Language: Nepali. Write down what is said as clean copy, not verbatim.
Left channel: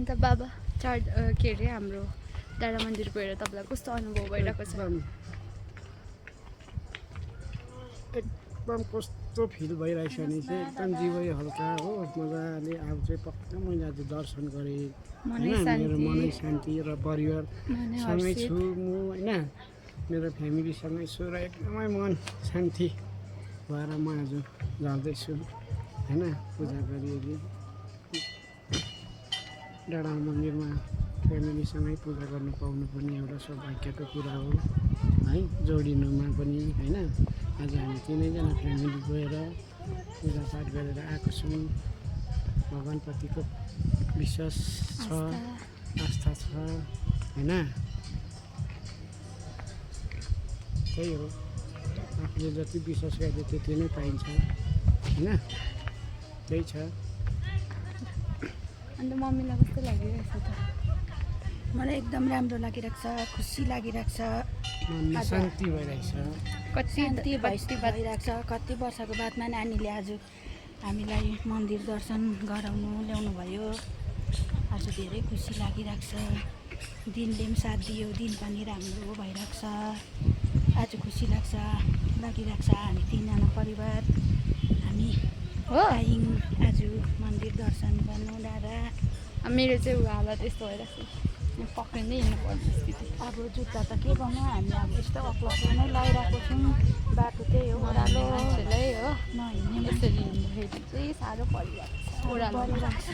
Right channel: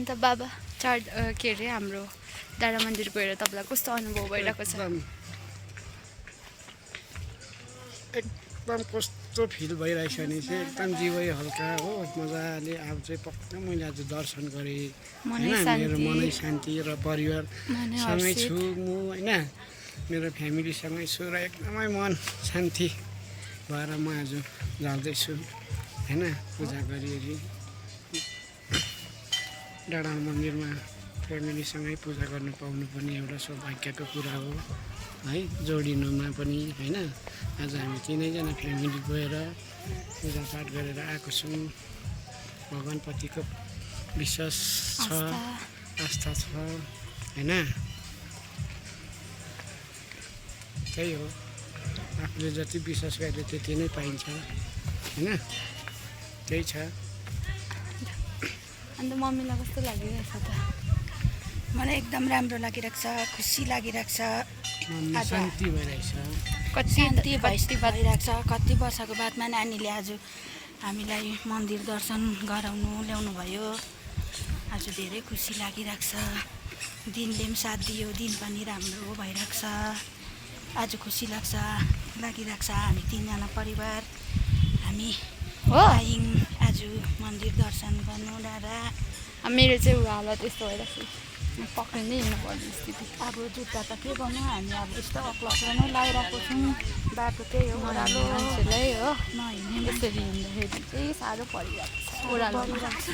अन्त बाबा के अरे हाम्रो डाँडा मन्दिर गएर तपाईँलाई कस्तो अनुभव भइरहेको छ? एकदम कस्तो फिल भइरहेछ नि चाहिँ एकदम जीवै हल्का हो मजाले अब चाहिँ पक्का मैले आज दर्शन गरेँ होइन। मेरो मनै शान्ति र परिवारसँगै छु म होइन, मेरो फ्यामिलीसँगै छु र एकदमै मन शान्ति भएर म आज जाँदैछु होइन। पूजा गरिओरि डाँडा मन्दिरमा फ्यामिलीसँगै पूजा गर्नु पाउनु पनि एउटा सौभाग्यको कुरा हो है, जोडिनुमा पनि होइन। आज हामी तिनैजना फ्यामिली गएर पूजापाठ गरेर आएको छौँ। भगवान्प्रतिको विश्वास छ, आस्था छ होइन। त्यही हो, आफूले जति विश्वास गरे त्यति नै पाइन्छ होइन, त्यही छ। अन्त मम्मीलाई कस्तो लागिरहेछ त? मलाई एकदम राम्रो लागिरहेको छ, खुसी लागिरहेको छ, शान्ति भइरहेछ, शान्ति भइरहेको छ। कति वर्षको बादमा नानीले आज हामीलाई मन्दिर दर्शन गराउनु ल्याउनु भयो। आज धेरै खुसी लागिरहेको छ। दिनले पनि साथ दियो, दिन पनि राम्रो भइरहेको छ। आज खुसी लागिरहेको छ। हामी तिनजना परिवार हामी आयौँ आज मन्दिर दर्शन गर्नु डाँडा। मेरो चाहिँ ऊ हालत यस्तो भइरहेको छ, पक्कै नै हिँड्नुपर्ने स्थिति। अब जुत्ता त के गर्नु, हामी अब यस्तो अक्लो नै लगाइरहेको छौँ। बाटो त्यही हो, ओह्रालो मान्छेलाई हो नहिँड्ने यसरी हिँड्दाखेरि चाहिँ साह्रो परिरहेको छ। परिरहेको छ।